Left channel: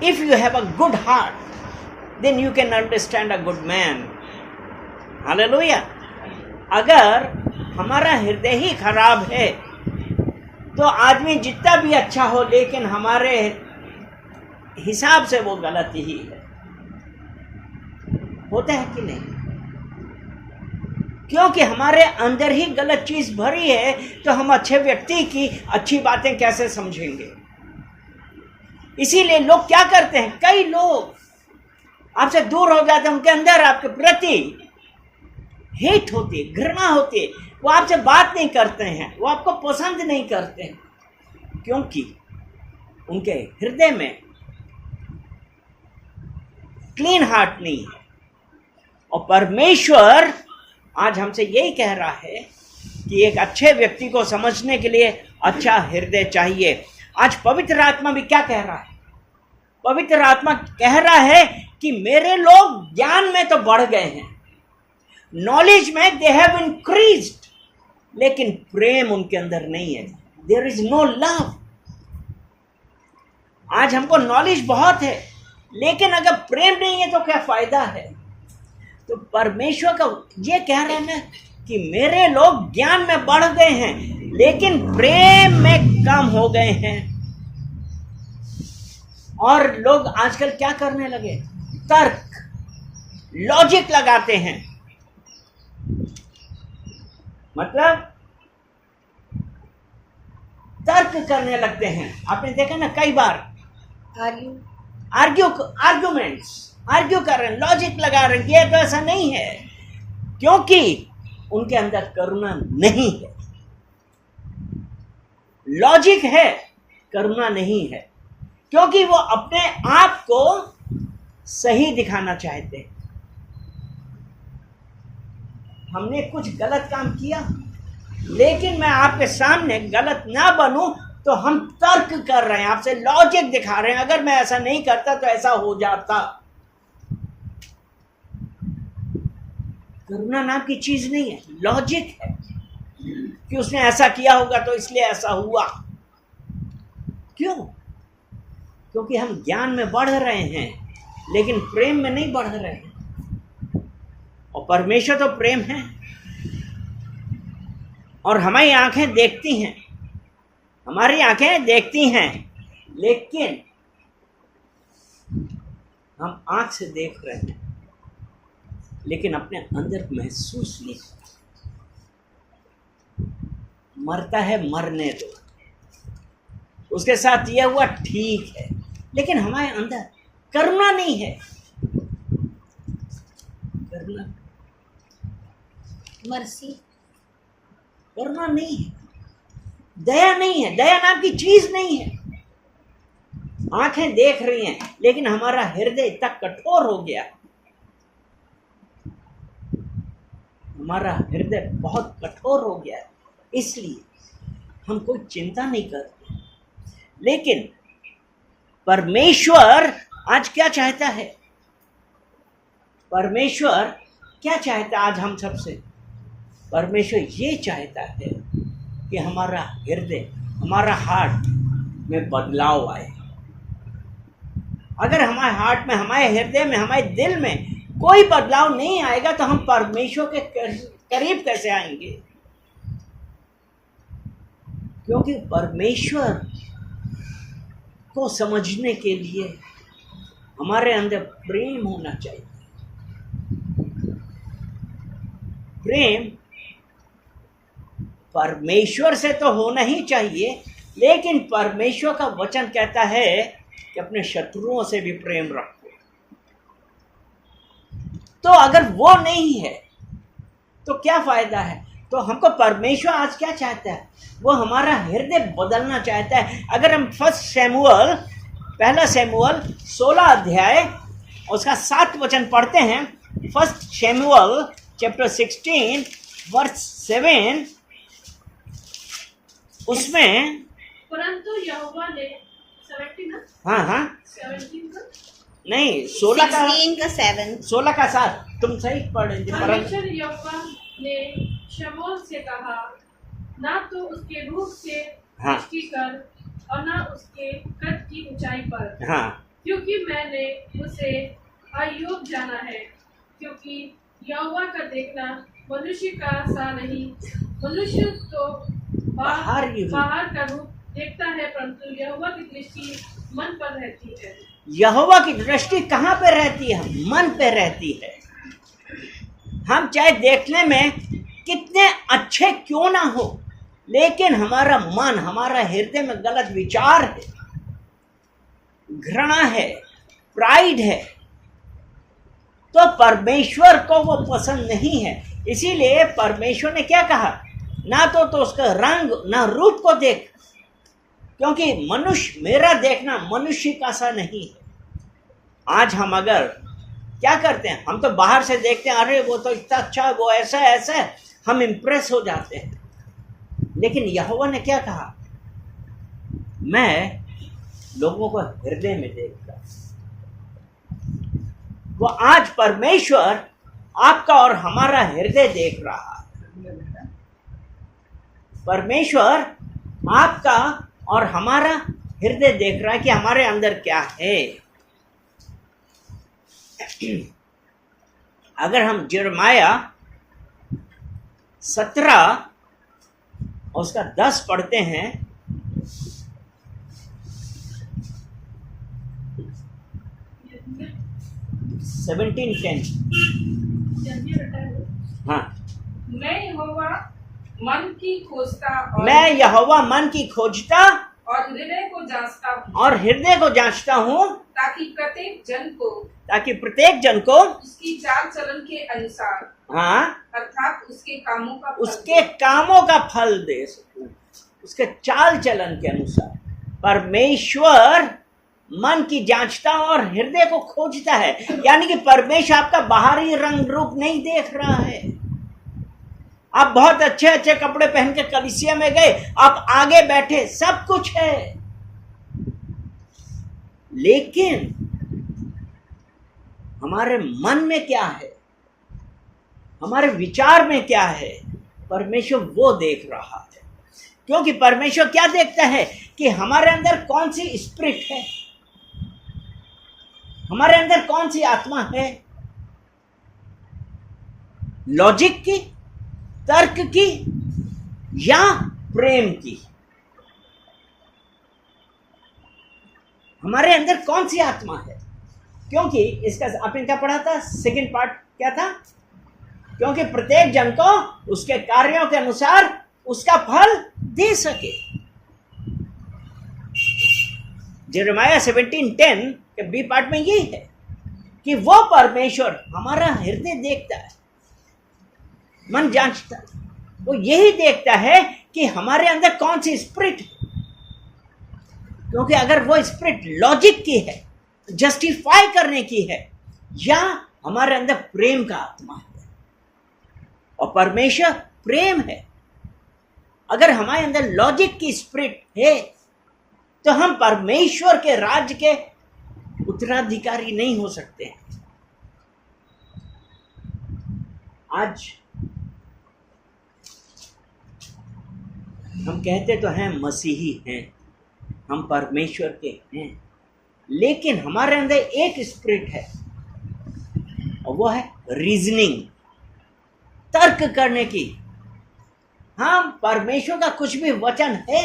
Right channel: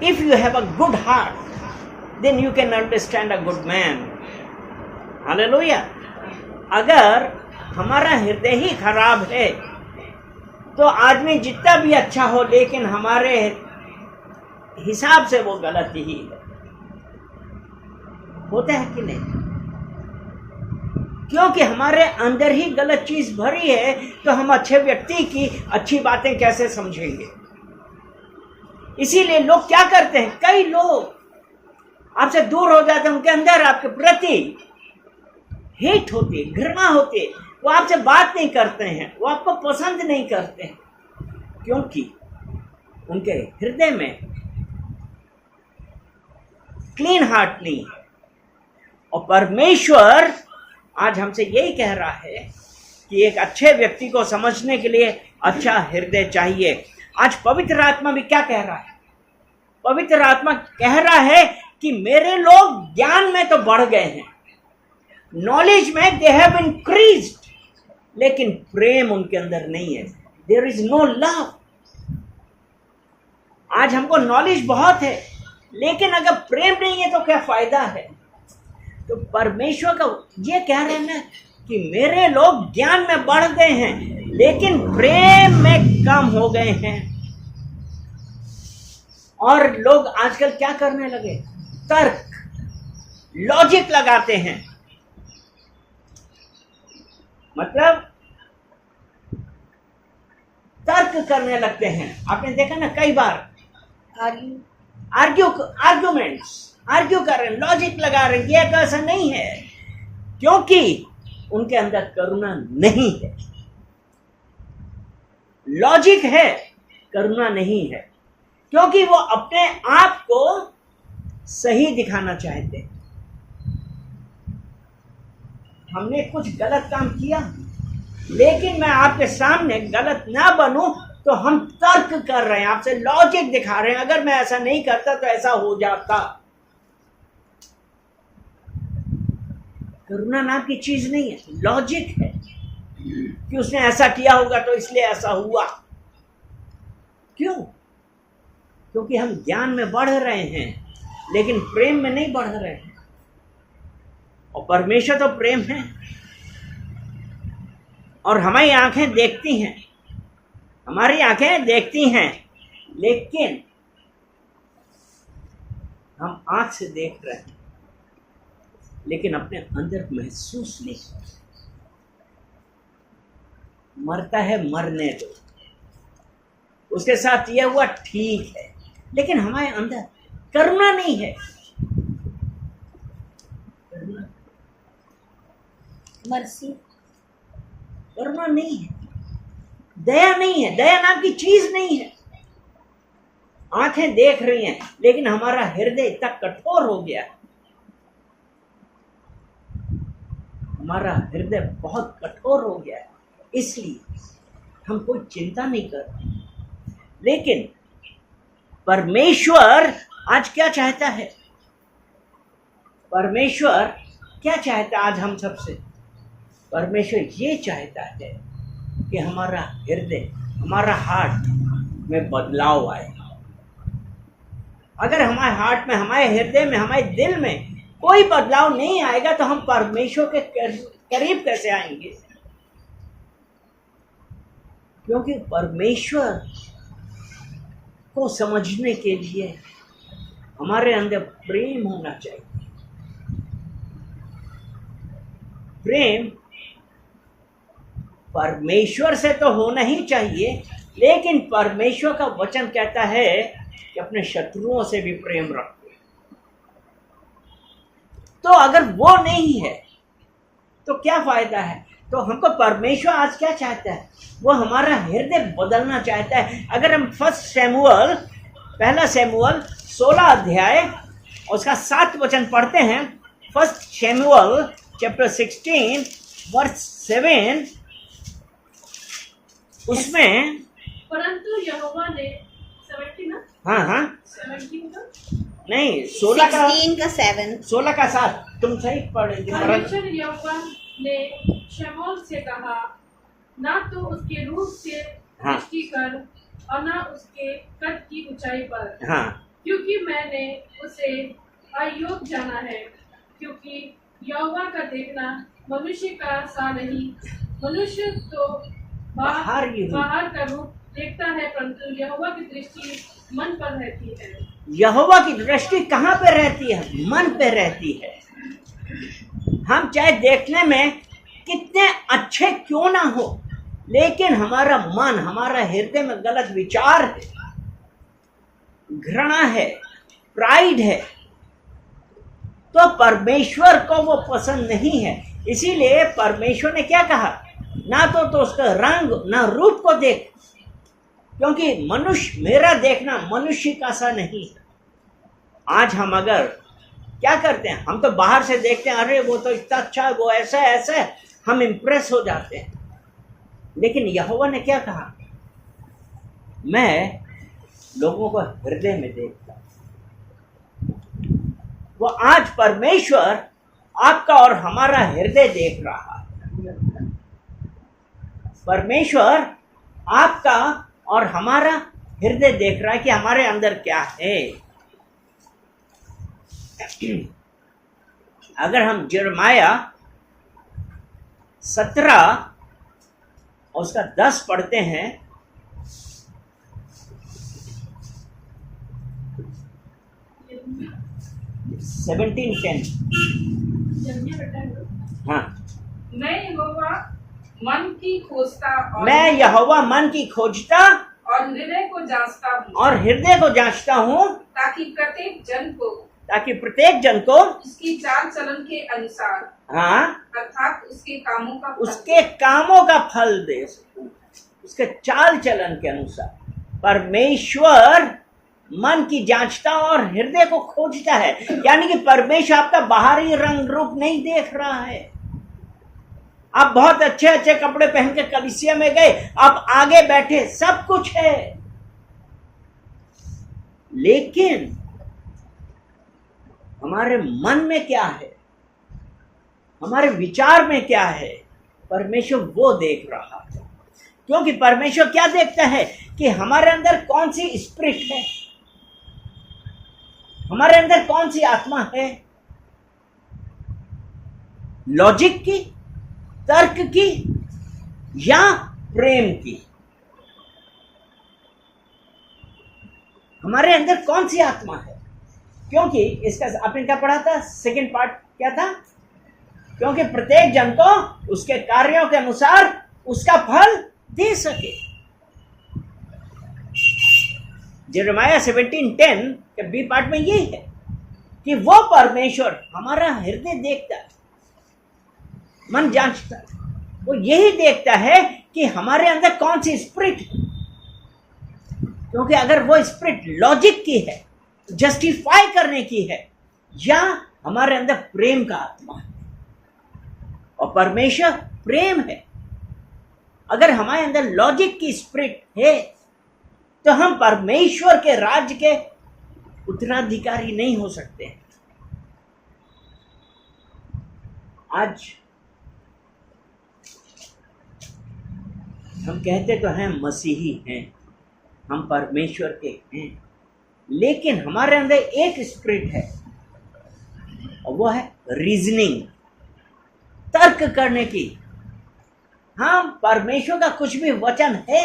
If you have a good heart, then you can understand a good man. Hallelujah. अगर हमारा हृदय ही खराब है तो आदमी जितना भी अच्छा हो लेकिन हमारे हिसाब से वो गलत ही है। होता है कि नहीं? क्योंकि हमारे अंदर ही गलत चीज भरी है तो हम अच्छे व्यक्ति की अच्छी बातें कैसे समझेंगे? इसीलिए लोग क्या करते हैं, कई लोग आपसे दूर हो जाते हैं, उनके अंदर आपके प्रति हेट होती है, घृणा होती है, वो आपसे बात नहीं करते हैं, वो आपको पसंद नहीं करते हैं, क्योंकि उनके हृदय में क्लीन हार्ट नहीं है। और परमेश्वर आज हमसे यही कह रहा है कि एक अच्छे व्यक्ति को समझने के लिए अच्छा हृदय चाहिए। आज पवित्र आत्मा भी क्या कह रहा है? पवित्र आत्मा कह रहा है कि मेरे लोग ज्ञान में तो बढ़ गए हैं, नॉलेज में दे हैव इंक्रीज्ड, लेकिन प्रेम उनके अंदर नहीं है। There is no love. आज हमको नॉलेज बहुत है, लेकिन अगर प्रेम नहीं है तो क्या फायदा है? तो परमेश्वर का ये कह रहे हैं ना कि मेरे लोग ज्ञान में बढ़ गए हैं, लेकिन प्रेम में कम हो गए हैं। और लोग आजकल क्या करने लगे? तर्क, लॉजिक लगाते हैं। मतलब तर्क करने लगते हैं। आपने देखा ना कई बार आर्ग्यू कर रहे हैं, लॉजिक लगा रहे हैं, ये तो ऐसा नहीं है, क्योंकि उनके अंदर करुणा नहीं है। लॉजिक है, करुणा नहीं है, क्योंकि वो अपने आप को सही दिखाना चाहते हैं। हमने कुछ गलत काम किया, लेकिन मैं आपके सामने गलत ना बनूं तो हम तर्क कर रहे हैं, आपसे लॉजिक दिखा रहे हैं। अगर मैं ऐसा नहीं करता तो ऐसा हो जाता। करुणा नाम की चीज नहीं है, लॉजिक है कि उसने ऐसा किया होगा तो इसलिए ऐसा हुआ। क्यों? क्योंकि हम ज्ञान में बढ़ रहे हैं, लेकिन प्रेम में नहीं बढ़ रहे हैं। और परमेश्वर तो प्रेम है, और हमारी आंखें देखती हैं, हमारी आंखें देखती हैं, लेकिन हम आंख से देख रहे हैं, लेकिन अपने अंदर महसूस नहीं करते। मरता है, मरने दो, उसके साथ यह हुआ ठीक है, लेकिन हमारे अंदर करुणा नहीं है। करुणा, मर्सी, करुणा नहीं है, दया नहीं है, दया नाम की चीज नहीं है। आंखें देख रही हैं, लेकिन हमारा हृदय इतना कठोर हो गया, हमारा हृदय बहुत कठोर हो गया है, इसलिए हम कोई चिंता नहीं करते। लेकिन परमेश्वर आज क्या चाहता है? परमेश्वर क्या चाहता है आज हम सबसे? परमेश्वर ये चाहता है कि हमारा हृदय, हमारा हार्ट में बदलाव आए। अगर हमारे हार्ट में, हमारे हृदय में, हमारे दिल में कोई बदलाव नहीं आएगा तो हम परमेश्वर के करीब कैसे आएंगे? क्योंकि परमेश्वर को समझने के लिए हमारे अंदर प्रेम होना चाहिए। प्रेम परमेश्वर से तो होना ही चाहिए, लेकिन परमेश्वर का वचन कहता है कि अपने शत्रुओं से भी प्रेम रखो। तो अगर वो नहीं है तो क्या फायदा है? तो हमको परमेश्वर आज क्या चाहता है? वो हमारा हृदय बदलना चाहता है। अगर हम पहला शमूएल 16 अध्याय उसका 7 वचन पढ़ते हैं, 1 शमूएल चैप्टर 16 वर्स 7, उसमें परंतु यहोवा ने 17 ना, हाँ 17 का नहीं, 16 का 7, 16 का 7 तुम सही पढ़ेंगे। परमेश्वर यहोवा ने शमूएल से कहा, ना तो उसके रूप से दृष्टि कर और ना उसके कद की ऊंचाई पर, हाँ, क्योंकि मैंने उसे अयोग्य जाना है, क्योंकि यहोवा का देखना मनुष्य का सा नहीं। मनुष्य तो बाहर का रूप देखता है, परंतु यहोवा की दृष्टि मन पर रहती है। यहोवा की दृष्टि कहाँ पे रहती है? मन पे रहती है। हम चाहे देखने में कितने अच्छे क्यों ना हो, लेकिन हमारा मन, हमारा हृदय में गलत विचार है, घृणा है, प्राइड है, तो परमेश्वर को वो पसंद नहीं है। इसीलिए परमेश्वर ने क्या कहा, ना तो उसका रंग ना रूप को देख, क्योंकि मनुष्य, मेरा देखना मनुष्य का सा नहीं है। आज हम अगर क्या करते हैं, हम तो बाहर से देखते हैं, अरे वो तो इतना अच्छा, वो ऐसा ऐसा, हम इंप्रेस हो जाते हैं। लेकिन यहोवा ने क्या कहा, मैं लोगों को हृदय में देखता हूं। वो आज परमेश्वर आपका और हमारा हृदय देख रहा है। परमेश्वर आपका और हमारा हृदय देख रहा है कि हमारे अंदर क्या है। अगर हम यिर्मयाह 17 और उसका 10 पढ़ते हैं, सेवनटीन 10। हाँ, मैं यहोवा मन की खोजता मैं यहोवा मन की खोजता और हृदय को जांचता हूँ, और हृदय को जांचता हूँ, ताकि प्रत्येक जन को उसकी चाल चलन के अनुसार, हाँ, अर्थात उसके कामों का फल दे सकूं, उसके चाल चलन के अनुसार। परमेश्वर मन की जांचता और हृदय को खोजता है, यानी कि परमेश्वर आपका बाहरी रंग रूप नहीं देख रहा है। आप बहुत अच्छे अच्छे कपड़े पहन के कलीसिया में गए, आप आगे बैठे, सब कुछ है, लेकिन हमारे मन में क्या है, हमारे विचार में क्या है, परमेश्वर वो देख रहा है। क्योंकि परमेश्वर क्या देखता है कि हमारे अंदर कौन सी स्पिरिट है, हमारे अंदर कौन सी आत्मा है, लॉजिक की, तर्क की या प्रेम की। हमारे अंदर कौन सी आत्मा है? क्योंकि इसका आपने क्या पढ़ा था, सेकंड पार्ट क्या था, क्योंकि प्रत्येक जन को उसके कार्यों के अनुसार उसका फल दे सके। यिर्मयाह 17:10 के बी पार्ट में ये है कि वो परमेश्वर हमारा हृदय देखता है, मन जांचता है, वो यही देखता है कि हमारे अंदर कौन सी स्पिरिट है। क्योंकि अगर वो स्पिरिट लॉजिक की है, जस्टिफाई करने की है, या हमारे अंदर प्रेम का आत्मा है, और परमेश्वर प्रेम है। अगर हमारे अंदर लॉजिक की स्पिरिट है तो हम परमेश्वर के राज्य के उत्तराधिकारी नहीं हो सकते हैं। आज हम कहते तो हैं मसीही हैं, हम परमेश्वर के हैं, लेकिन हमारे अंदर एक स्पिरिट है और वो है रीजनिंग, तर्क करने की। हम परमेश्वर का कुछ भी वचन है,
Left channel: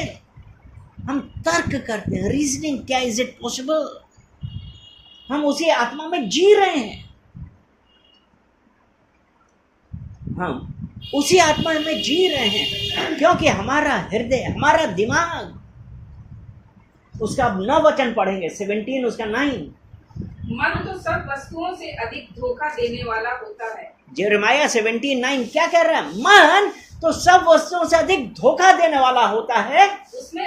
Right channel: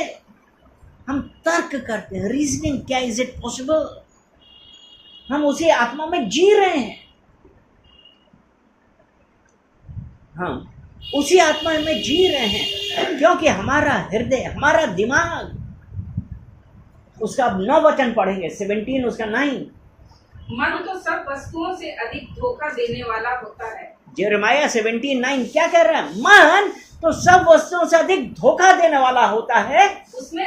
हम तर्क करते हैं, रीजनिंग, क्या इज इट पॉसिबल। हम उसी आत्मा में जी रहे हैं, हम उसी आत्मा में जी रहे हैं, क्योंकि हमारा हृदय, हमारा दिमाग, उसका 9 वचन पढ़ेंगे, 17 उसका 9। मन तो सब वस्तुओं से अधिक धोखा देने वाला होता है। यिर्मयाह 17:9 क्या कह रहा है? मन तो सब वस्तुओं से अधिक धोखा देने वाला होता है, उसमें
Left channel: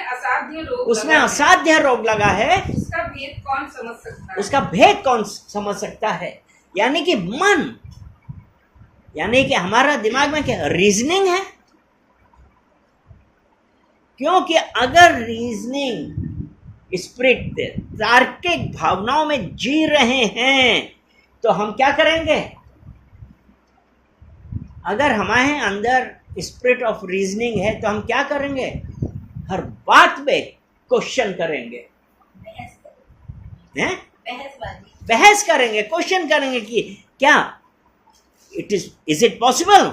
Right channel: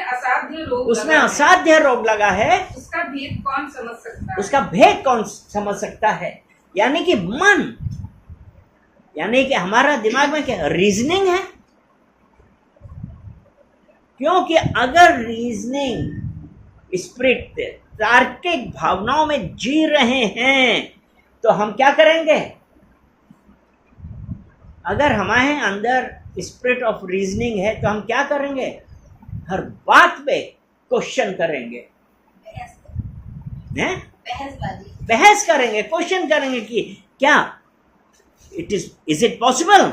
असाध्य रोग लगा है, उसका भेद कौन समझ सकता है? उसका भेद कौन समझ सकता है? यानी कि मन, यानी कि हमारा दिमाग में क्या रीजनिंग है। क्योंकि अगर रीजनिंग स्पिरिट, तार्किक भावनाओं में जी रहे हैं, तो हम क्या करेंगे? अगर हमारे अंदर स्पिरिट ऑफ रीजनिंग है तो हम क्या करेंगे? हर बात पे क्वेश्चन करेंगे, हैं? बहस करेंगे, क्वेश्चन करेंगे कि क्या इज इट पॉसिबल।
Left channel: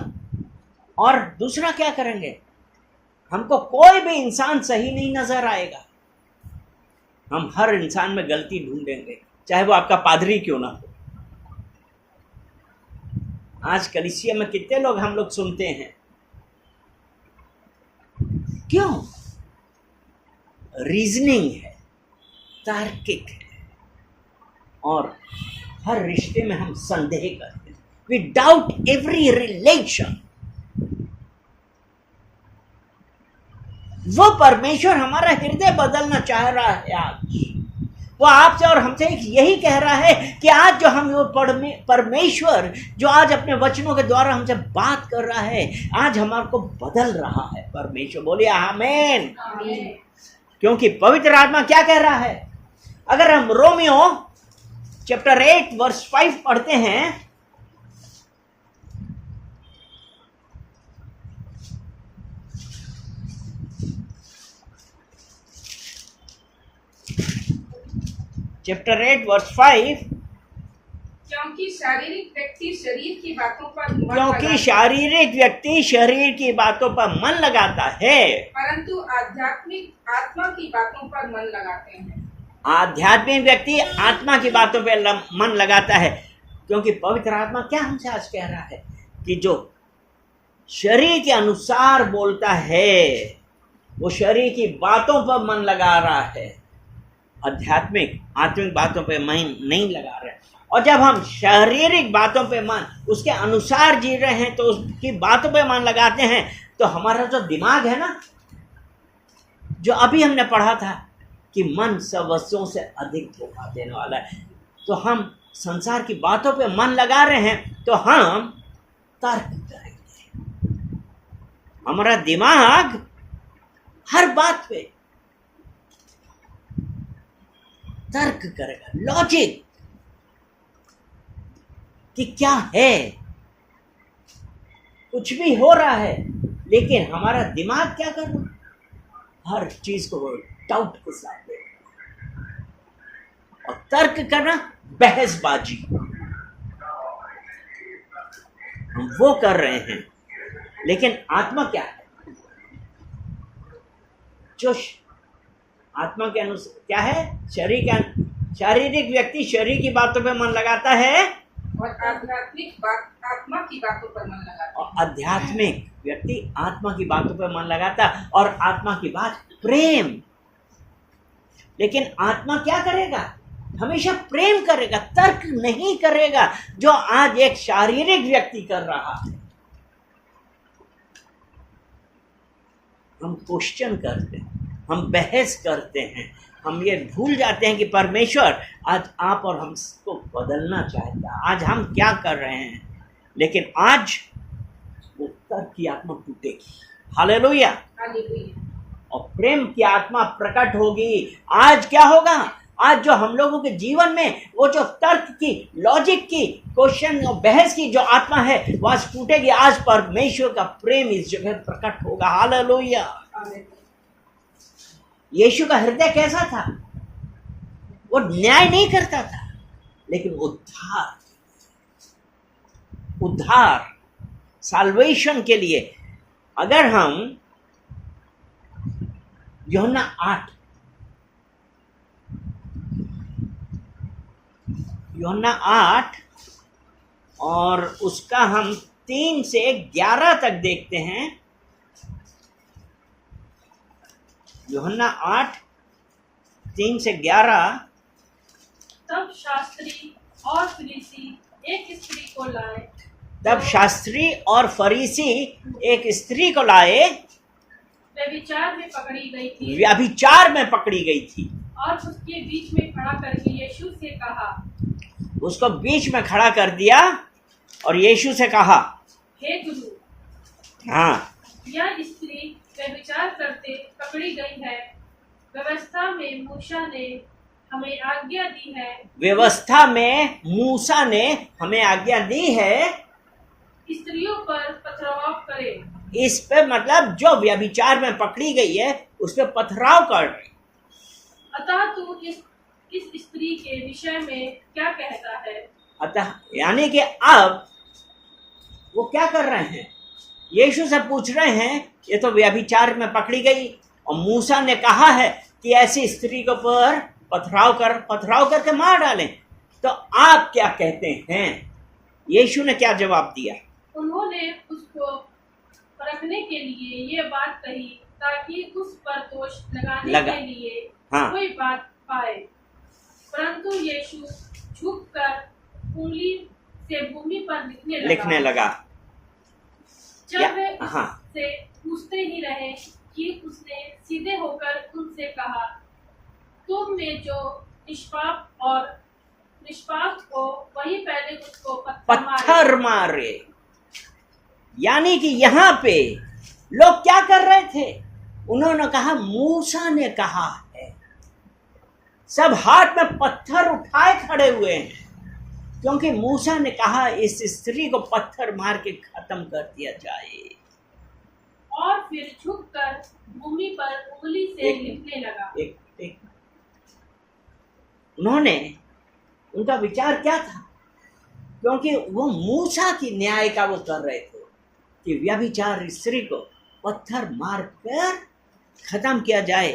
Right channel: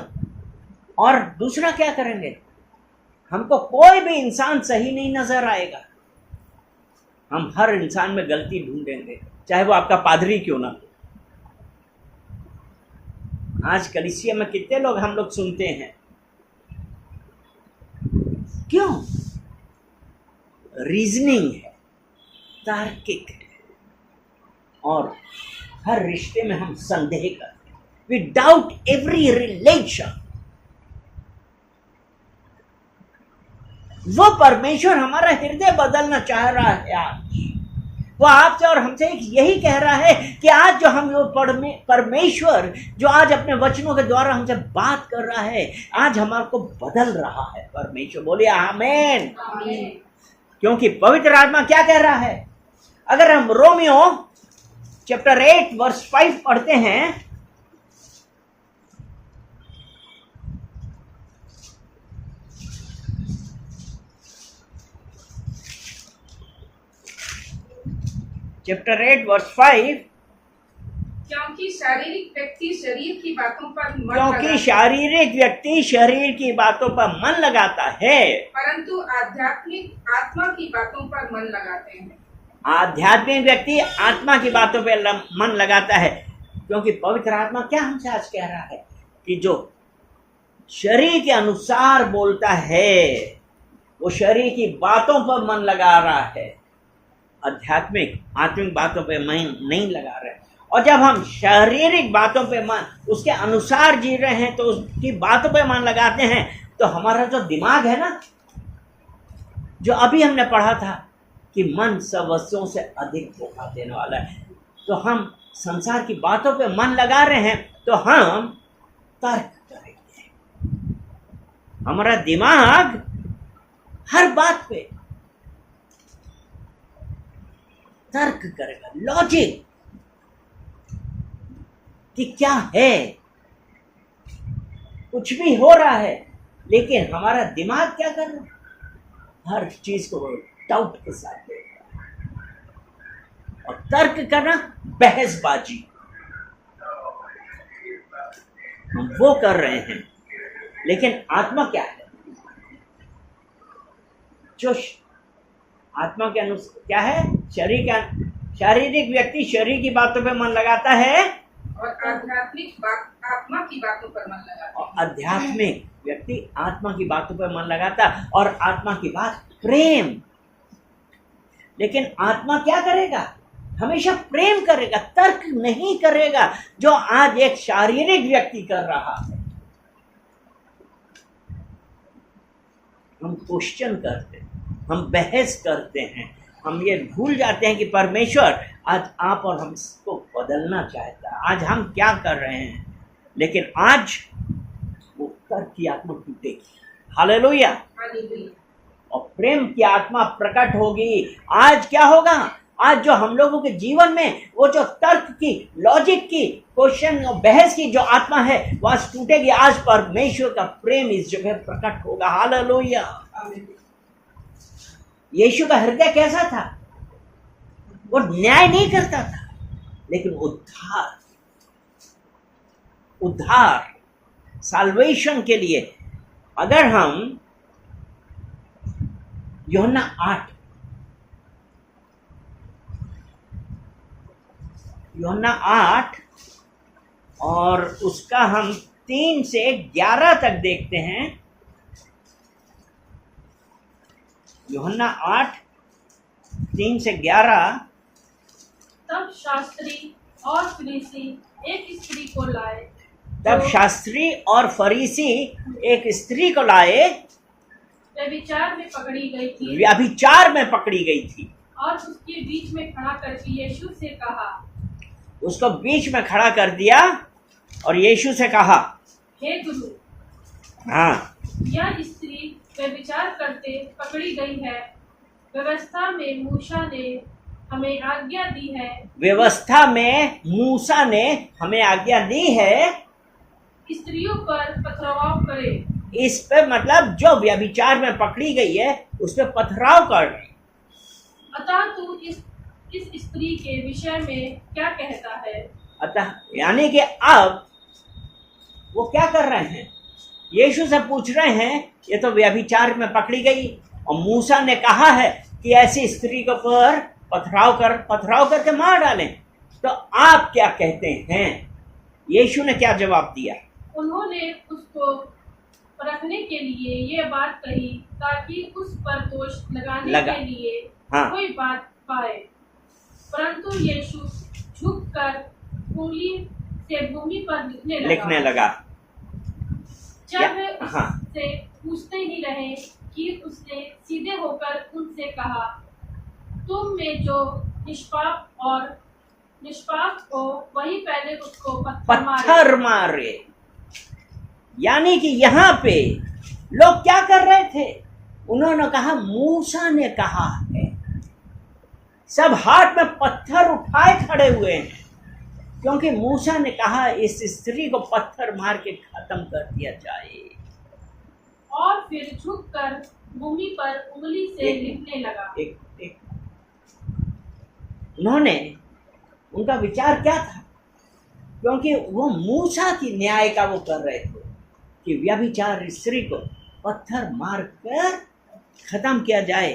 और दूसरा क्या करेंगे, हमको कोई भी इंसान सही नहीं नजर आएगा, हम हर इंसान में गलती ढूंढेंगे, चाहे वो आपका पादरी क्यों ना हो। आज कलीसिया में कितने लोग हम लोग सुनते हैं, क्यों? रीजनिंग है, तार्किक है, और हर रिश्ते में हम संदेह करते हैं, वी डाउट एवरी रिलेशन। वो परमेश्वर हमारा हृदय बदलना चाह रहा है आज। वो आपसे और हमसे यही कह रहा है कि आज जो हम वो परमेश्वर जो आज अपने वचनों के द्वारा हमसे बात कर रहा है, आज हमारे को बदल रहा है परमेश्वर। बोलिए आमीन। क्योंकि पवित्र आत्मा क्या कह रहा है, अगर हम रोमियो चैप्टर 8 वर्स 5 पढ़ते हैं, चैप्टर 8 वर्स 5, क्योंकि शारीरिक व्यक्ति शरीर की बातों पर मन क्योंकि लगाता शारीरिक व्यक्ति शरीर की बातों पर मन लगाता है, परंतु आध्यात्मिक आत्मा की बातों पर मन लगाते हैं। आध्यात्मिक व्यक्ति आत्मा की बातों पर मन लगाता है। क्योंकि पवित्र आत्मा क्या हमसे आज कह रहा है कि जो शरीर के अनुसार बोलता है, वो शरीर की बातों पर मन लगा रहा है, आत्मिक बातों पे मन नहीं लगा रहे। और जब हम शारीरिक बातों पे मन उसके अनुसार जी रहे हैं, तो उसकी बातों पे मन लगाते हैं, तो हमारा जो दिमाग है ना, जो अभी हमने पढ़ा था कि मन सब वस्तुओं से अधिक धोखा देने वाला है, तो हम संसार की बातों पे मन लगा रहे हैं, तो हम तर्क करेंगे। हमारा दिमाग हर बात पे तर्क करेगा, लॉजिक कि क्या है, कुछ भी हो रहा है, लेकिन हमारा दिमाग क्या कर रहा है, हर चीज को डाउट के साथ देख रहा है। और तर्क करना, बहसबाजी, हम वो कर रहे हैं। लेकिन आत्मा क्या है, जो आत्मा के अनुसार क्या है, शारीरिक व्यक्ति शरीर की बातों पे मन लगाता है, और आध्यात्मिक आत्मा की बातों पर मन लगाता है। और आध्यात्मिक व्यक्ति आत्मा की बातों पे मन लगाता है, और आत्मा की बात प्रेम। लेकिन आत्मा क्या करेगा, हमेशा प्रेम करेगा, तर्क नहीं करेगा, जो आज एक शारीरिक व्यक्ति कर रहा है। हम क्वेश्चन करते हैं, हम बहस करते हैं, हम ये भूल जाते हैं कि परमेश्वर आज आप और हमको बदलना चाहता है। आज हम क्या कर रहे हैं, लेकिन आज वो तर्क की आत्मा टूटेगी। हालेलुया। और प्रेम की आत्मा प्रकट होगी। आज क्या होगा, आज जो हम लोगों के जीवन में वो जो तर्क की, लॉजिक की, क्वेश्चन और बहस की जो आत्मा है, वो आज टूटेगी। आज परमेश्वर का प्रेम इस जगह प्रकट होगा। हालेलुया। यीशु का हृदय कैसा था, वो न्याय नहीं करता था, लेकिन उद्धार साल्वेशन के लिए। अगर हम यूहन्ना 8 और उसका हम 3 से 11 तक देखते हैं। यूहन्ना 8 3 से 11। तब शास्त्री और फरीसी एक स्त्री को लाए, तब शास्त्री और फरीसी एक स्त्री को लाए, व्यभिचार में पकड़ी गई थी, व्यभिचार में पकड़ी गई थी, और उसके बीच में खड़ा करके यीशु से कहा, उसको बीच में खड़ा कर दिया और यीशु से कहा, हे गुरु, हाँ, यह स्त्री व्यभिचार करते पकड़ी गई है। व्यवस्था में मूसा ने हमें आज्ञा दी है, व्यवस्था में मूसा ने हमें आज्ञा दी है, स्त्रियों पर पथराव करे। इस पे मतलब जो व्यभिचार में पकड़ी गई है, उस पे पथराव कर रही। अतः तू इस इस स्त्री के विषय में क्या कहता है। अतः यानी कि अब वो क्या कर रहे हैं, यीशु से पूछ रहे हैं, ये तो व्यभिचार में पकड़ी गई और मूसा ने कहा है कि ऐसी स्त्री के ऊपर पथराव करके मार डालें, तो आप क्या कहते हैं। यीशु ने क्या जवाब दिया। उन्होंने उसको परखने के लिए ये बात कही ताकि उस पर दोष लगाने के लिए हाँ। कोई बात पाए। परंतु यीशु झुककर उंगली से भूमि पर लिखने लगा। जब वे उससे पूछते ही रहे कि उसने सीधे होकर उनसे कहा, तुम में जो निष्पाप हो वही पहले उसको पत्थर मारे। यानी कि यहाँ पे लोग क्या कर रहे थे, उन्होंने कहा मूसा ने कहा है, सब हाथ में पत्थर उठाए खड़े हुए हैं, क्योंकि मूसा ने कहा इस स्त्री को पत्थर मार के खत्म कर दिया जाए। और फिर झुककर भूमि पर उंगली से लिखने लगा। उनका विचार क्या था, क्योंकि वो मूसा की न्याय का वो कर रहे थे कि व्यभिचार स्त्री को पत्थर मार कर खत्म किया जाए।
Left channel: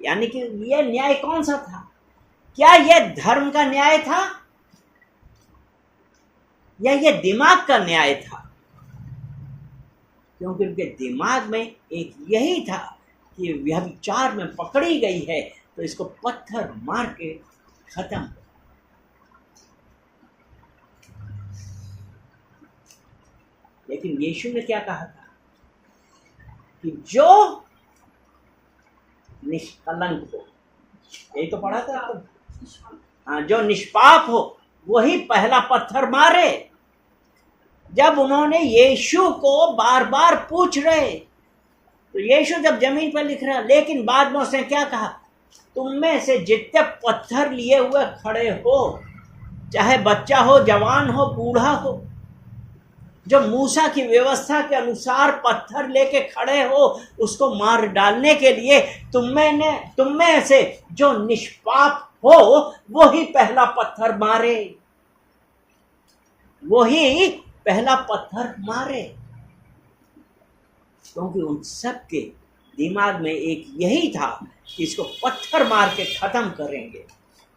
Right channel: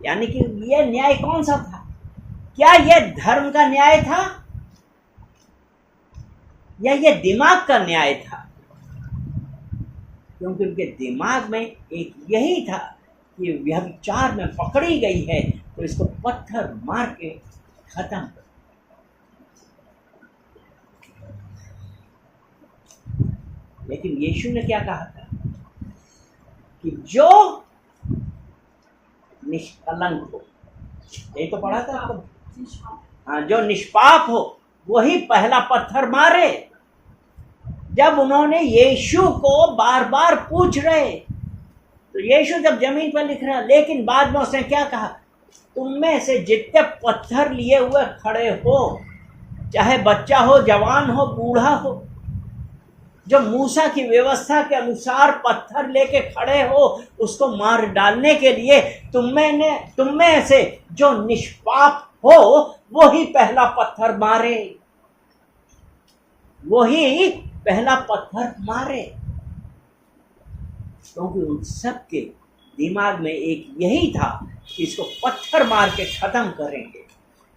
यानी कि ये न्याय कौन सा था, क्या ये धर्म का न्याय था या ये दिमाग का न्याय था, क्योंकि उनके दिमाग में एक यही था कि व्यभिचार में पकड़ी गई है तो इसको पत्थर मार के खत्म। लेकिन यीशु ने क्या कहा था कि जो निष्कलंक हो, यही तो पढ़ा था आपको, हाँ, जो निष्पाप हो वही पहला पत्थर मारे। जब उन्होंने यीशु को बार बार पूछ रहे तो यीशु जब जमीन पर लिख रहा, लेकिन बाद में उसने क्या कहा, तुम में से जितने पत्थर लिए हुए खड़े हो, चाहे बच्चा हो, जवान हो, बूढ़ा हो, जो मूसा की व्यवस्था के अनुसार पत्थर लेके खड़े हो उसको मार डालने के लिए, तुम में से जो निष्पाप हो वही पहला पत्थर मारे, वही पहला पत्थर मारे। क्योंकि उन सब के दिमाग में एक यही था कि इसको पत्थर मार के खत्म करेंगे,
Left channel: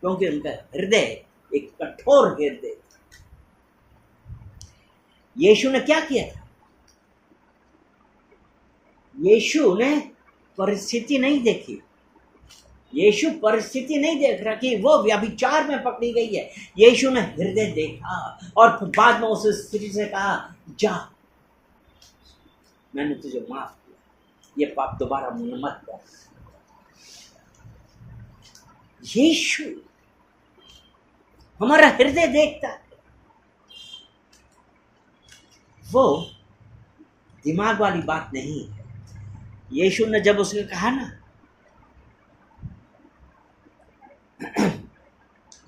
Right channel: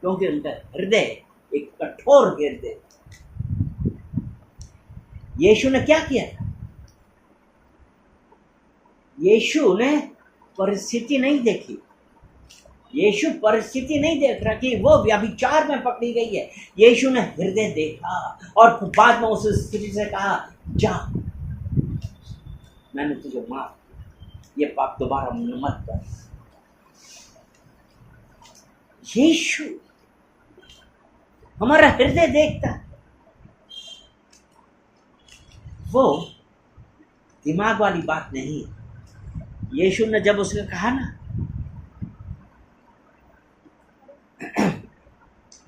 क्योंकि उनका हृदय एक कठोर हृदय। यीशु ने क्या किया था, यीशु ने परिस्थिति नहीं देखी, यीशु परिस्थिति नहीं देख रहा कि वो व्यभिचार में पकड़ी गई है। यीशु ने हृदय देखा और बाद में उस स्त्री से कहा, जा, मैंने तुझे माफ किया, ये पाप दोबारा मत कर। यीशु हमारा हृदय देखता है, वो दिमाग वाली बात नहीं है। यीशु ने जब उसने कहा ना,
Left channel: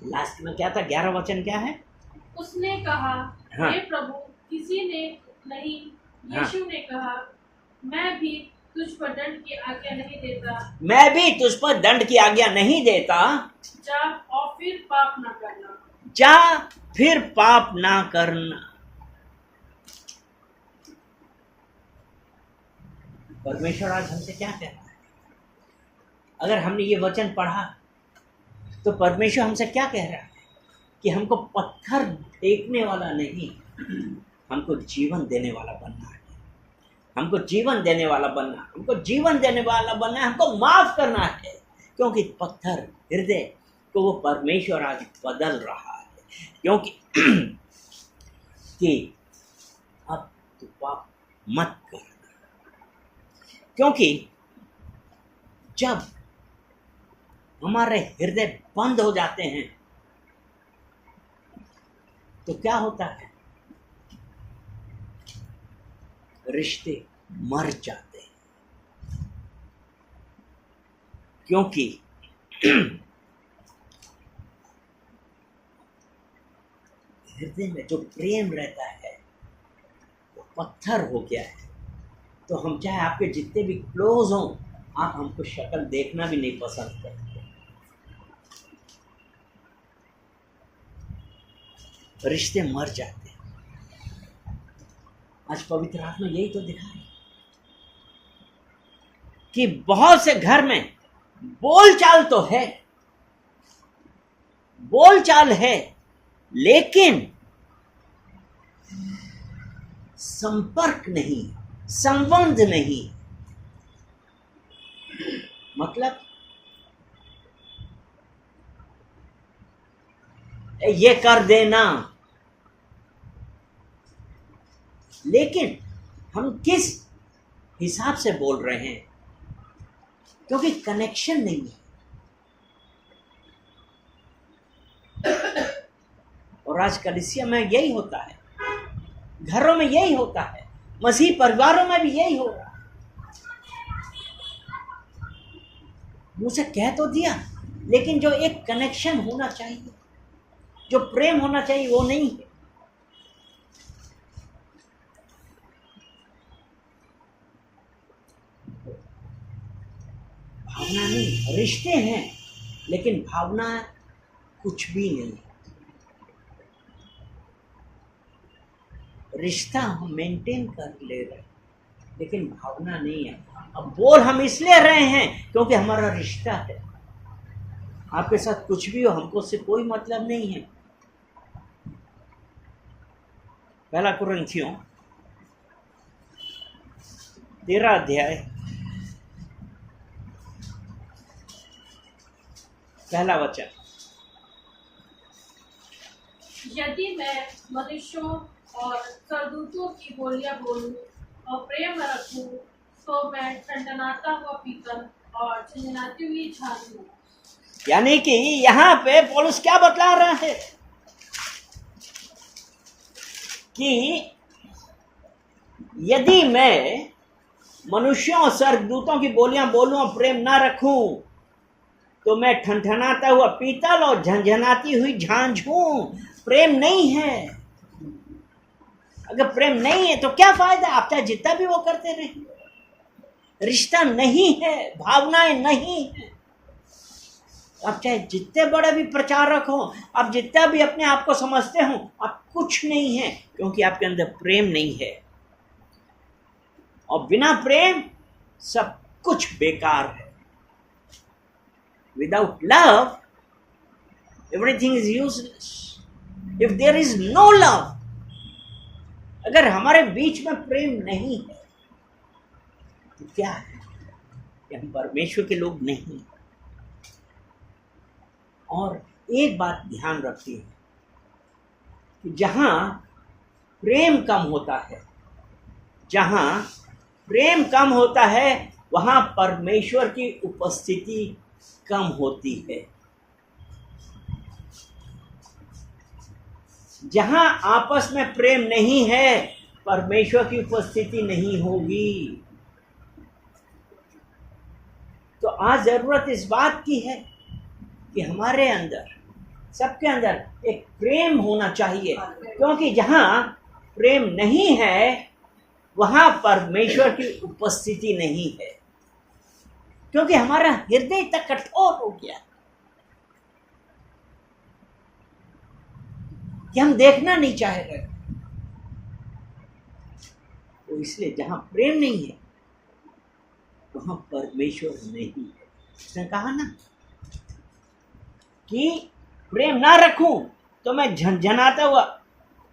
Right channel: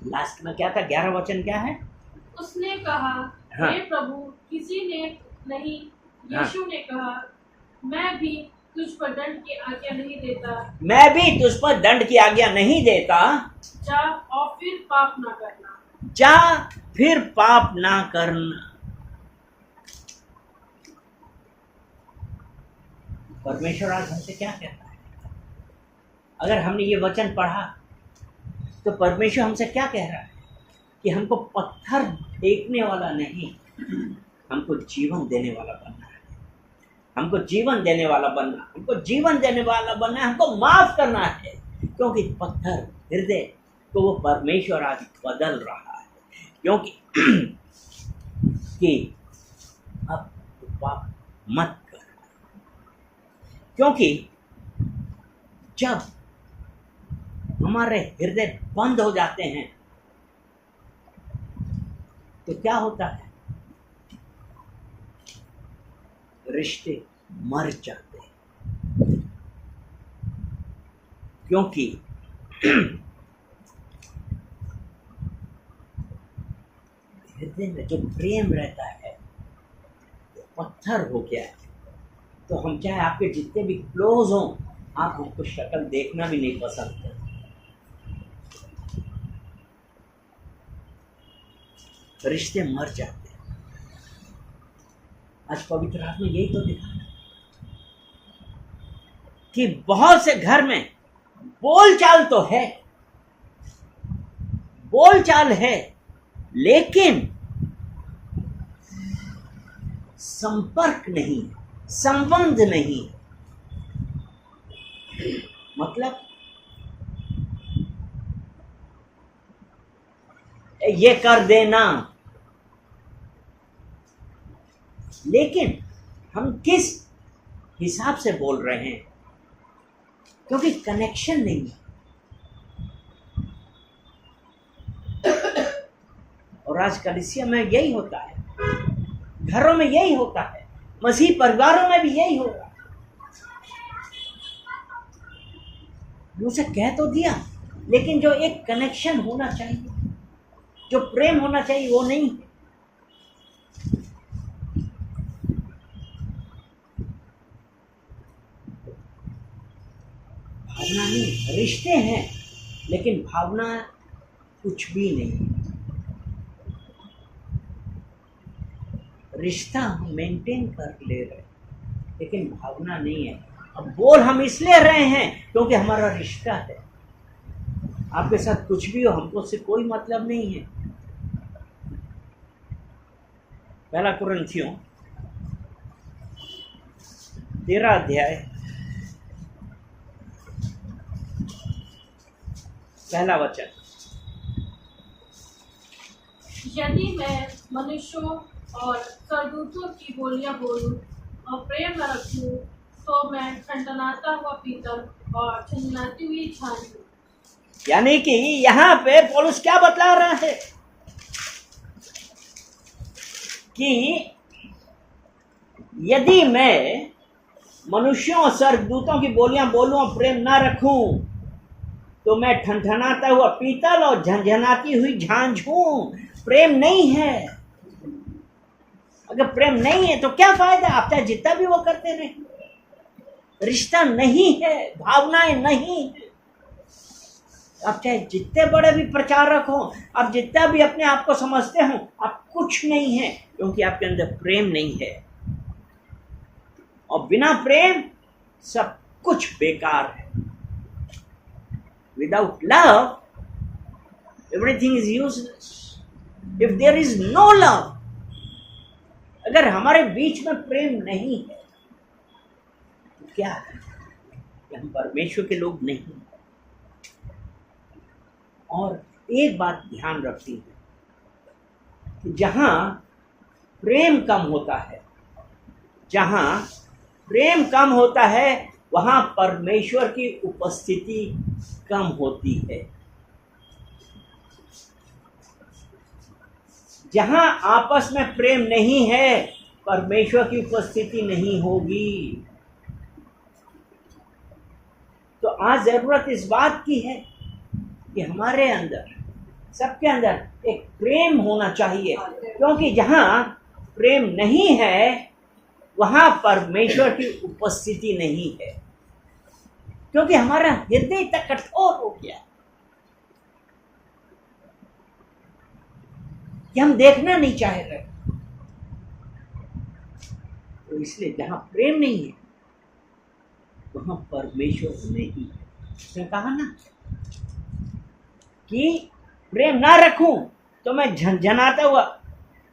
लास्ट में क्या था, 11 वचन क्या है, उसने कहा, हाँ। हे प्रभु, किसी ने नहीं। यीशु ने कहा, मैं भी तुझ पर दंड की आज्ञा नहीं देता। मैं भी तुझ पर दंड की आज्ञा नहीं देता। जा और फिर पाप ना करना। जा फिर पाप ना करना। परमेश्वर आज हमसे क्या कहता है, अगर हमने ये वचन पढ़ा तो परमेश्वर हमसे क्या कह रहा है कि हमको पत्थर फेंकने वाला नहीं, हमको जीवन देने वाला बनना है, हमको जीवन देने वाला बनना, हमको जीवन देने वाला बनना है, हमको माफ करना है। क्योंकि पत्थर हृदय को वो परमेश्वर आज बदल रहा है, क्योंकि कि अब तो पाप मत कर। क्योंकि जब हमारे हृदय बंद हो जाते हैं तो क्या होता है, रिश्ते मर जाते हैं। क्योंकि हृदय में जो प्रेम रहता है वो पत्थर हो गया है। तो हम चाहे आपके जितने भी क्लोज हों, आप हमको शक्ल देखना भी नहीं पसंद करते। रिश्ते मर जाते हैं। आज पवित्र आत्मा यही तो दिखा रहा है कि बहुत से घर में बोलचाल तो है, बोलचाल है, लेकिन संपर्क नहीं, संबंध नहीं। मतलब ये कर देना, लेकिन हम किस हिसाब से बोल रहे हैं, क्योंकि कनेक्शन नहीं है। और आज कलीसिया में यही होता है, घरों में यही होता है, मसीह परिवारों में भी यही होगा। मुझे कह तो दिया, लेकिन जो एक कनेक्शन होना चाहिए, जो प्रेम होना चाहिए, वो नहीं है। भावना नहीं, रिश्ते हैं, लेकिन भावना कुछ भी नहीं। रिश्ता हम मेंटेन कर ले रहे, लेकिन भावना नहीं है। अब बोल हम इसलिए रहे हैं क्योंकि हमारा रिश्ता है। आपके साथ कुछ भी हो, हमको उससे कोई मतलब नहीं है। पहला कुरिन्थियों 13 अध्याय पहला वचन। यदि मैं मनुष्यों और सरदूतों की बोलियां बोलूं और प्रेम न रखूं, तो मैं ठनठनाता हुआ पीतल और झनझनाती हुई झांझ हूं। यानी कि यहाँ पे पौलुस क्या बतला रहा है कि यदि मैं मनुष्यों और स्वर्गदूतों की बोलियां बोलूं और प्रेम ना रखूं, तो मैं ठनठनाता हुआ पीतल और झनझनाती हुई झांझ हूं। प्रेम नहीं है। अगर प्रेम नहीं है तो क्या फायदा, आप चाहे जितना भी वो करते रहे। रिश्ता नहीं है, भावनाएं नहीं है। आप चाहे जितने बड़े भी प्रचारक हो, आप जितना भी अपने आप को समझते हो, आप कुछ नहीं है, क्योंकि आपके अंदर प्रेम नहीं है। और बिना प्रेम सब कुछ बेकार है। Without love, everything is useless. If there is no love, अगर हमारे बीच में प्रेम नहीं है तो क्या है कि हम परमेश्वर के लोग नहीं। और एक बात ध्यान रखती है कि जहां प्रेम कम होता है, जहां प्रेम कम होता है, वहां परमेश्वर की उपस्थिति कम होती है। जहां आपस में प्रेम नहीं है, परमेश्वर की उपस्थिति नहीं होगी। तो आज जरूरत इस बात की है कि हमारे अंदर, सबके अंदर एक प्रेम होना चाहिए, क्योंकि जहां प्रेम नहीं है वहां परमेश्वर की उपस्थिति नहीं है। क्योंकि हमारा हृदय तक कठोर हो गया कि हम देखना नहीं चाह रहे। तो इसलिए जहां प्रेम नहीं है वहां परमेश्वर नहीं है। उसने कहा ना कि प्रेम ना रखूं तो मैं झनझनाता हुआ,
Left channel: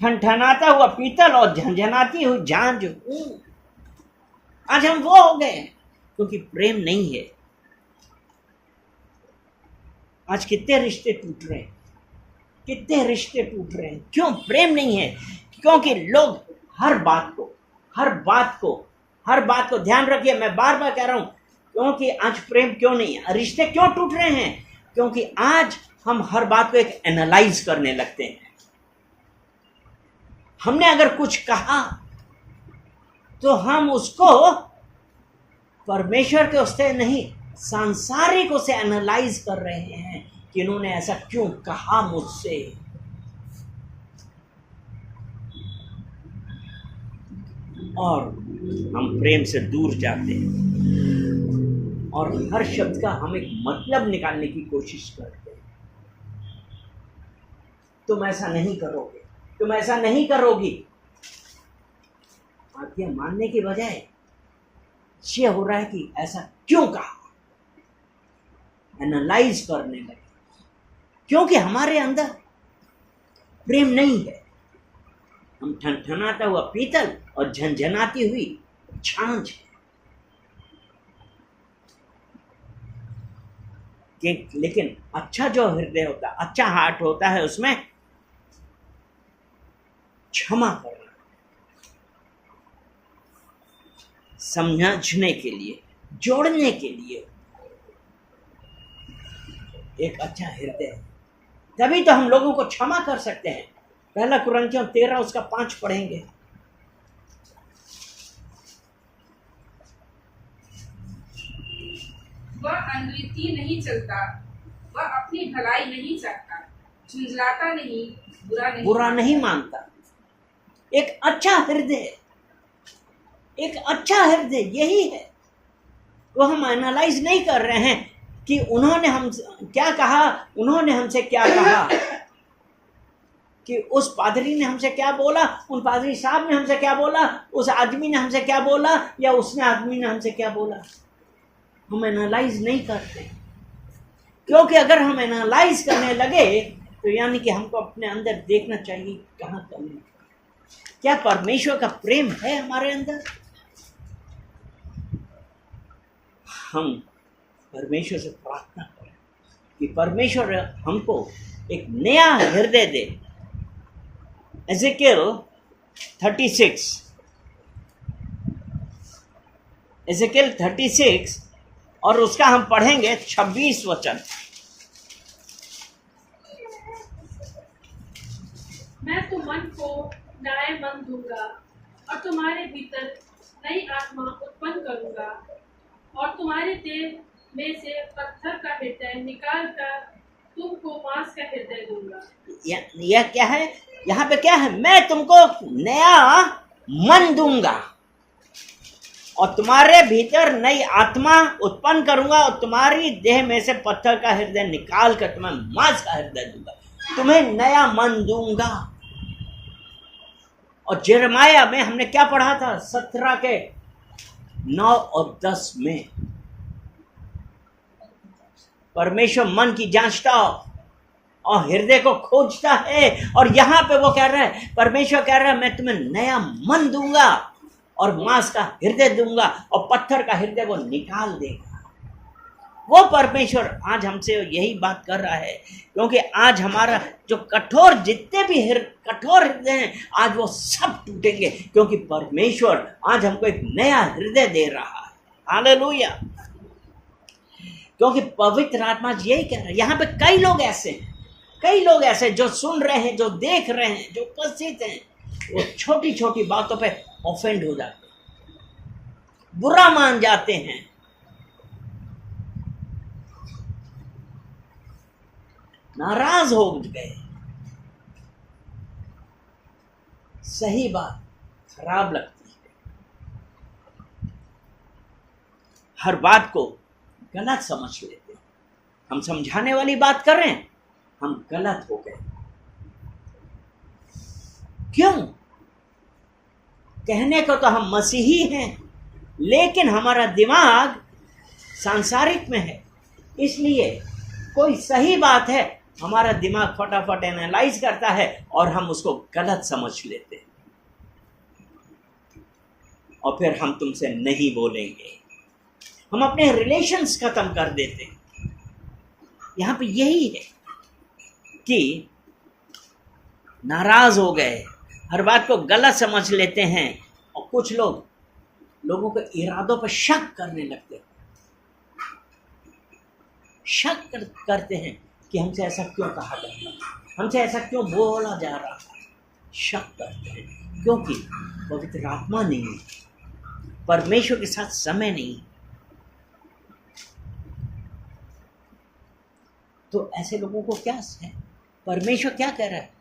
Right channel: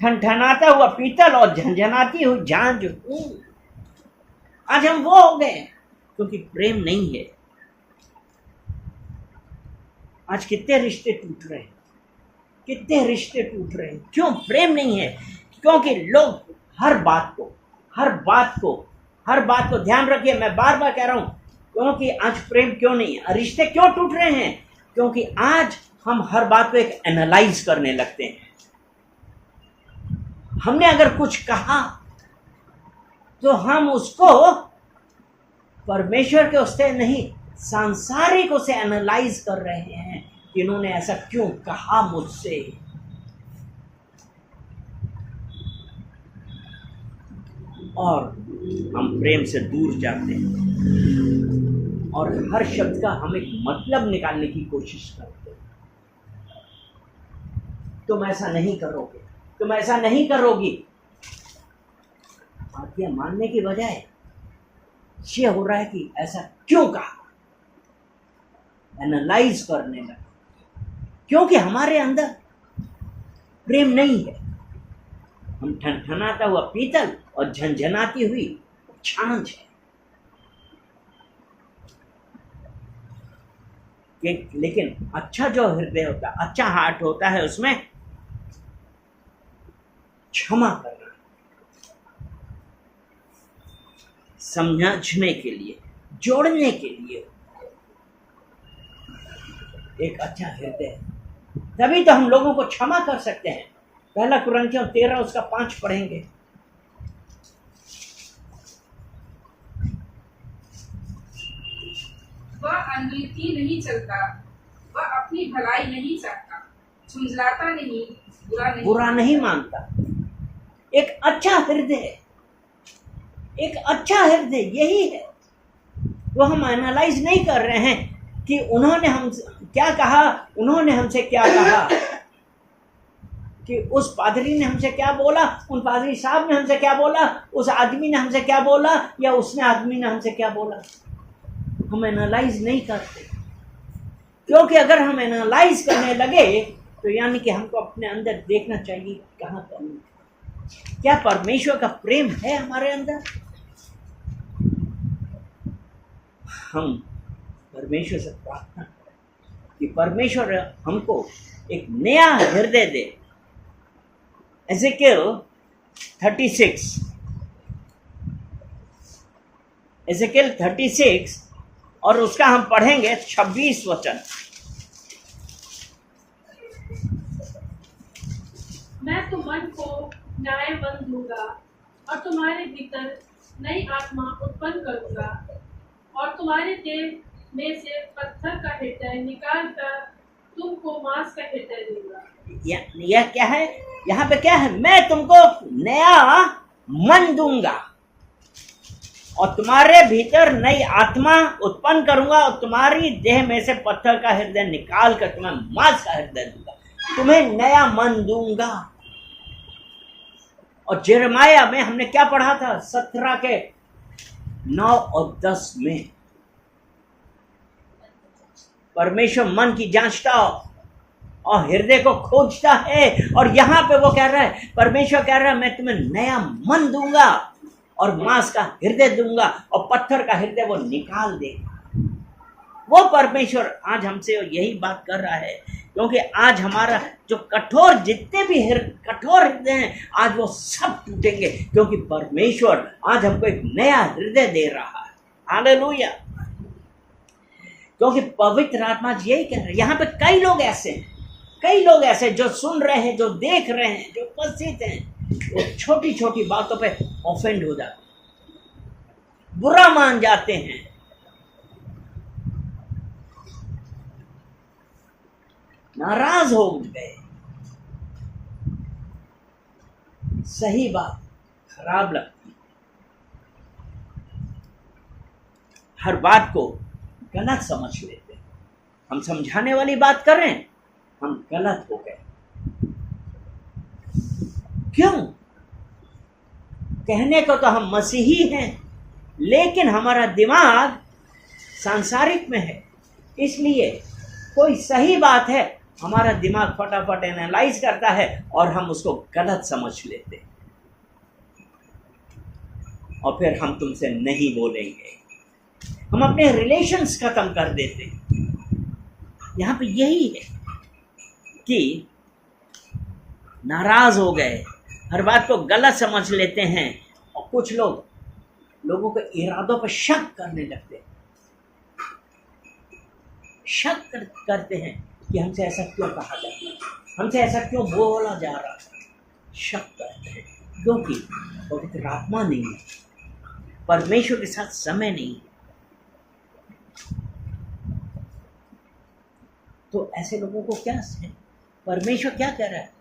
ठनठनाता हुआ पीतल और झनझनाती हुई झांझ हूं। आज हम वो हो गए क्योंकि प्रेम नहीं है। आज कितने रिश्ते टूट रहे हैं, कितने रिश्ते टूट रहे हैं। क्यों? प्रेम नहीं है। क्योंकि लोग हर बात को ध्यान रखिए, मैं बार बार कह रहा हूं, क्योंकि आज प्रेम क्यों नहीं है, रिश्ते क्यों टूट रहे हैं? क्योंकि आज हम हर बात को एक एनालाइज करने लगते हैं। हमने अगर कुछ कहा तो हम उसको परमेश्वर के उससे नहीं, सांसारिक उसे एनालाइज कर रहे हैं कि इन्होंने ऐसा क्यों कहा मुझसे। और हम प्रेम से दूर जाते हैं और हर शब्द का हम एक मतलब निकालने की कोशिश करते हैं। तुम ऐसा नहीं करोगे, तुम ऐसा नहीं करोगी। आज्ञा मानने की बजाय ये हो रहा है कि ऐसा क्यों कहा, एनालाइज करने लगे, क्योंकि हमारे अंदर प्रेम नहीं है। हम ठनठनाता हुआ पीतल और झनझनाती हुई छाछ है। लेकिन अच्छा जो हृदय होता है, अच्छा हार्ट होता है, उसमें क्षमा करना, समझने के लिए, जोड़ने के लिए एक अच्छा हृदय है। तभी तो हम लोगों को क्षमा कर सकते हैं। 1 कुरिन्थियों 13 उसका 5 पढ़ेंगे। वह अनरीति नहीं चलता, वह अपनी भलाई नहीं चाहता, झुंझलाता नहीं, बुरा नहीं मानता। एक अच्छा हृदय, एक अच्छा हृदय यही है। वो हम एनालाइज नहीं कर रहे हैं कि उन्होंने हम क्या कहा, उन्होंने हमसे क्या कहा, कि उस पादरी ने हमसे क्या बोला, उन पादरी साहब ने हमसे क्या बोला, उस आदमी ने हमसे क्या बोला, या उसने आदमी ने हमसे क्या बोला। हम एनालाइज नहीं करते, क्योंकि अगर हम एनालाइज करने लगे तो यानी कि हमको अपने अंदर देखना चाहिए कहाँ कमी, क्या परमेश्वर का प्रेम है हमारे अंदर। हम परमेश्वर से प्रार्थना करें कि परमेश्वर हमको एक नया हृदय दे। एजेकियल 36 और उसका हम पढ़ेंगे 26 वचन। मैं तुम मन को नए मन दूंगा और तुम्हारे भीतर नई आत्मा उत्पन्न करूंगा और तुम्हारे देह में से पत्थर का हृदय निकाल कर तुमको मांस का हृदय दूंगा। यह क्या है? यहाँ पे क्या है? मैं तुमको नया मन दूंगा और तुम्हारे भीतर नई आत्मा उत्पन्न करूंगा और तुम्हारी देह में से पत्थर का हृदय निकाल कर तुम्हें मांस का हृदय दूंगा, तुम्हें नया मन दूंगा। और यिर्मयाह में हमने क्या पढ़ा था? 17 के 9 और 10 में परमेश्वर मन की जांचता और हृदय को खोजता है। और यहां पे वो कह रहा है, परमेश्वर कह रहा है, मैं तुम्हें नया मन दूंगा और मांस का हृदय दूंगा और पत्थर का हृदय वो निकाल देगा। वो परमेश्वर आज हमसे यही बात कर रहा है, क्योंकि आज हमारा जो कठोर, जितने भी कठोर हृदय हैं, आज वो सब टूटेंगे, क्योंकि परमेश्वर आज हमको एक नया हृदय दे रहा है। हालेलुया। क्योंकि पवित्र आत्मा यही कह रहा है। यहाँ पे कई लोग ऐसे जो सुन रहे हैं, जो देख रहे हैं, जो उपस्थित हैं, वो छोटी छोटी बातों पे ऑफेंड हो जाते हैं, बुरा मान जाते हैं। नाराज हो गए। सही बात खराब लगती है, हर बात को गलत समझ लेते हैं। हम समझाने वाली बात कर रहे हैं, हम गलत हो गए। क्यों? कहने को तो हम मसीही हैं, लेकिन हमारा दिमाग सांसारिक में है। इसलिए कोई सही बात है, हमारा दिमाग फटाफट एनालाइज करता है और हम उसको गलत समझ लेते हैं और फिर हम तुमसे नहीं बोलेंगे, हम अपने रिलेशंस खत्म कर देते हैं। यहां पे यही है कि नाराज हो गए, हर बात को गलत समझ लेते हैं और कुछ लोगों के इरादों पर शक करने लगते हैं। शक करते हैं कि हमसे ऐसा क्यों कहा जा रहा है, हमसे ऐसा क्यों बोला जा रहा है। शक करते हैं क्योंकि पवित्र आत्मा नहीं है, परमेश्वर के साथ समय नहीं। तो ऐसे लोगों को क्या है, परमेश्वर क्या कह रहा है?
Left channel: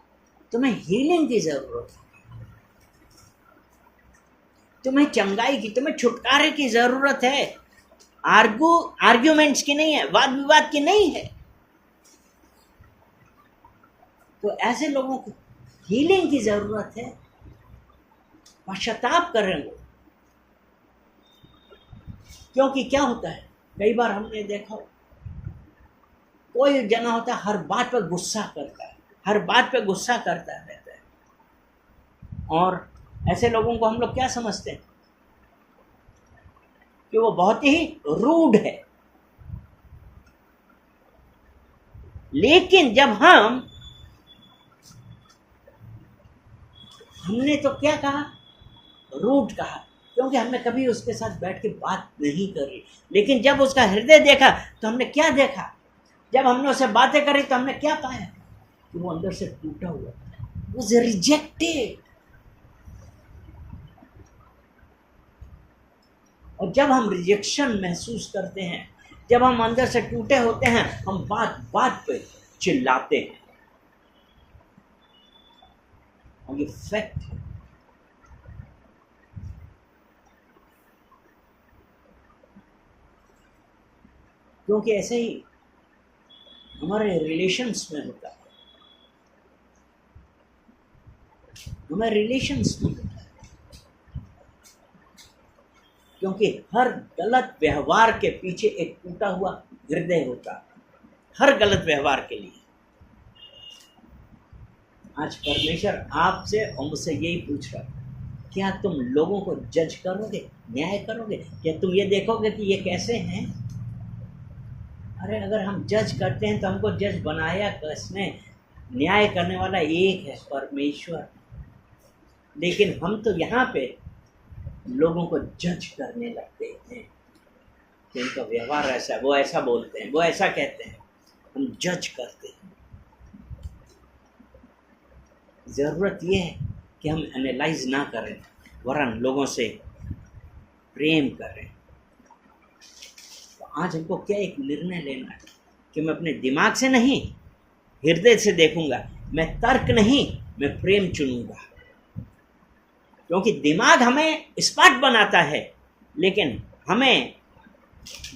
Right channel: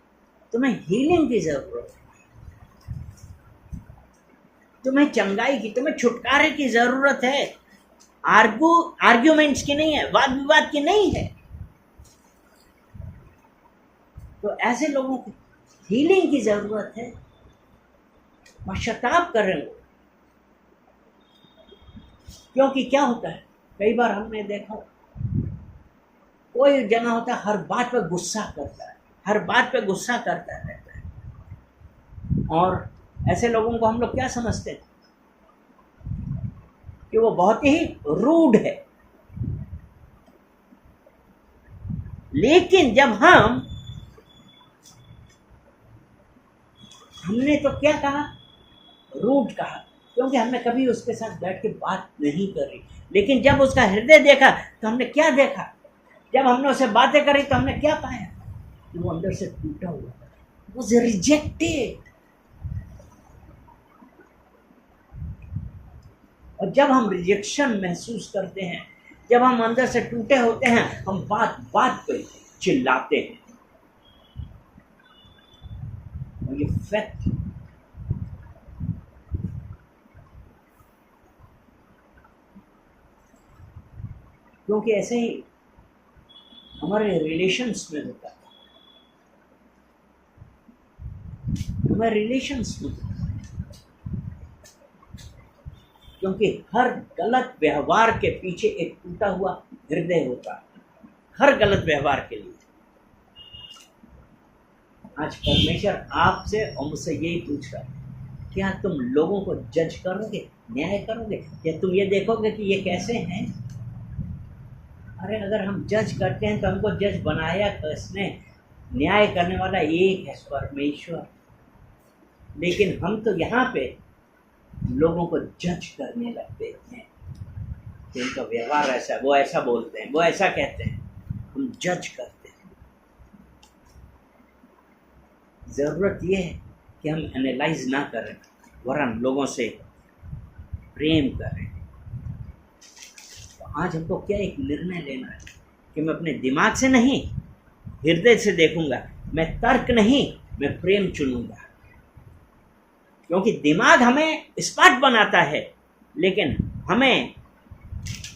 तुम्हें हीलिंग की जरूरत है, तुम्हें चंगाई की, तुम्हें छुटकारे की जरूरत है। आर्ग्यूमेंट्स की नहीं है, वाद विवाद की नहीं है। तो ऐसे लोगों को हीलिंग की जरूरत है, पश्चाताप करें वो। क्योंकि क्या होता है, कई बार हमने देखा कोई जना होता है हर बात पर गुस्सा करता है, हर बात पे गुस्सा करता रहता है, और ऐसे लोगों को हम लोग क्या समझते हैं कि वो बहुत ही रूड है। लेकिन जब हमने तो क्या कहा, रूड कहा, क्योंकि हमने कभी उसके साथ बैठ के बात नहीं करी। लेकिन जब उसका हृदय देखा तो हमने क्या देखा, जब हमने उससे बातें करी तो हमने क्या पाया कि वो अंदर से टूटा हुआ था, वाज रिजेक्टेड। और जब हम रिजेक्शन महसूस करते हैं, जब हम अंदर से टूटे होते हैं, हम बात बात पे चिल्लाते हैं, और ये फैक्ट है। क्योंकि ऐसे ही हमारे रिलेशंस में होता है, हमारे रिलेशंस में होता है। क्योंकि हर गलत व्यवहार के पीछे एक टूटा हुआ हृदय होता है, हर गलत व्यवहार के लिए। आज परमेश्वर आपसे और मुझसे यही पूछ रहा है, क्या तुम लोगों को जज करोगे, न्याय करोगे? क्या तुम ये देखोगे कि ये कैसे हैं? अरे अगर हम जज करते हैं तो हमको जज बनाया किसने? न्याय करने वाला एक है, परमेश्वर। लेकिन हम तो यहाँ पे लोगों को जज करने लगते हैं कि उनका व्यवहार ऐसा, वो ऐसा बोलते हैं, वो ऐसा कहते हैं, हम जज करते हैं। ज़रूरत ये है कि हम एनालाइज ना करें, वरन लोगों से प्रेम करें। तो आज हमको क्या एक निर्णय लेना है कि मैं अपने दिमाग से नहीं, हृदय से देखूंगा। मैं तर्क नहीं, मैं प्रेम चुनूंगा। क्योंकि दिमाग हमें स्मार्ट बनाता है, लेकिन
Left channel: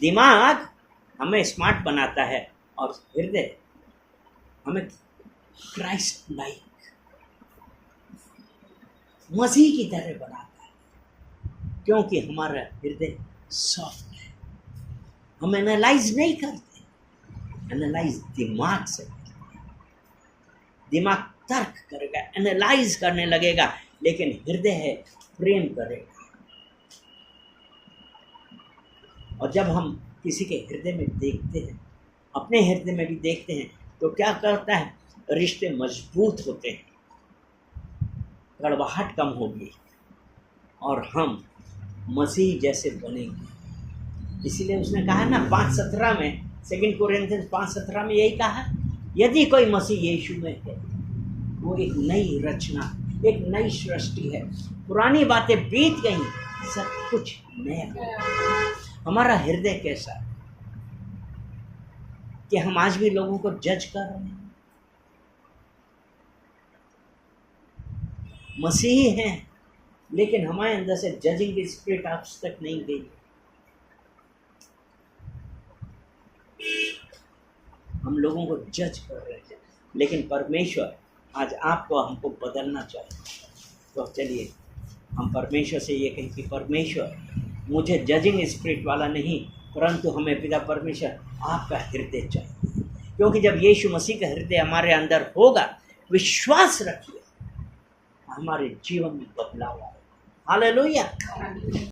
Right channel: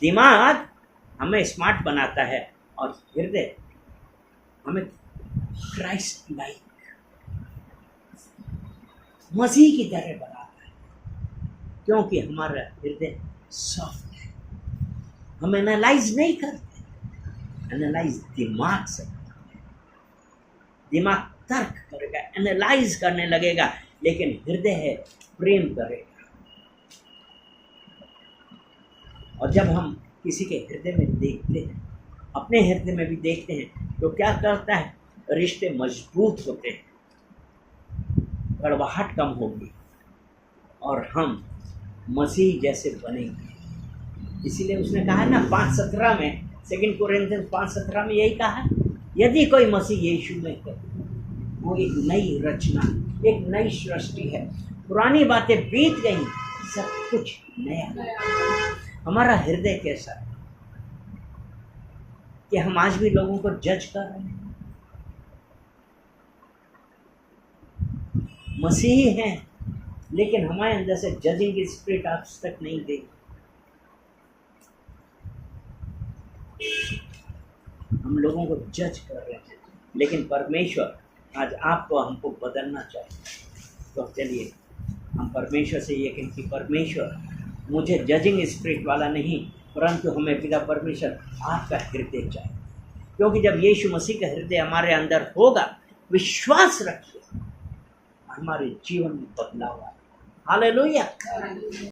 दिमाग हमें स्मार्ट बनाता है, और हृदय हमें क्राइस्ट लाइक, मसीह की तरह बनाता है। क्योंकि हमारा हृदय सॉफ्ट है। हम एनालाइज नहीं करते, एनालाइज दिमाग से करते हैं। दिमाग तर्क करेगा, एनालाइज करने लगेगा, लेकिन हृदय है प्रेम करेगा। और जब हम किसी के हृदय में देखते हैं, अपने हृदय में भी देखते हैं, तो क्या करता है, रिश्ते मजबूत होते हैं, कड़वाहट कम होगी, और हम मसीह जैसे बनेंगे। इसीलिए उसने कहा ना 5:17 में, 2 कोरिन्थियंस 5:17 में यही कहा, यदि कोई मसीह यीशु में है, वो एक नई रचना, एक नई सृष्टि है। पुरानी बातें बीत गई, सब कुछ नया। हमारा हृदय कैसा है कि हम आज भी लोगों को जज कर रहे हैं? मसीही हैं, लेकिन हमारे अंदर से जजिंग की स्पिरिट आज तक नहीं गई। हम लोगों को जज कर रहे हैं, लेकिन परमेश्वर आज आपको हमको बदलना चाहिए। तो चलिए हम परमेश्वर से ये कहें कि परमेश्वर, मुझे जजिंग स्पिरिट वाला नहीं, परंतु हमें पिता परमेश्वर आपका हृदय चाहिए। क्योंकि जब यीशु मसीह का हृदय हमारे अंदर होगा, विश्वास रखिए, हमारे जीवन में बदलाव आएगा। हालेलुया।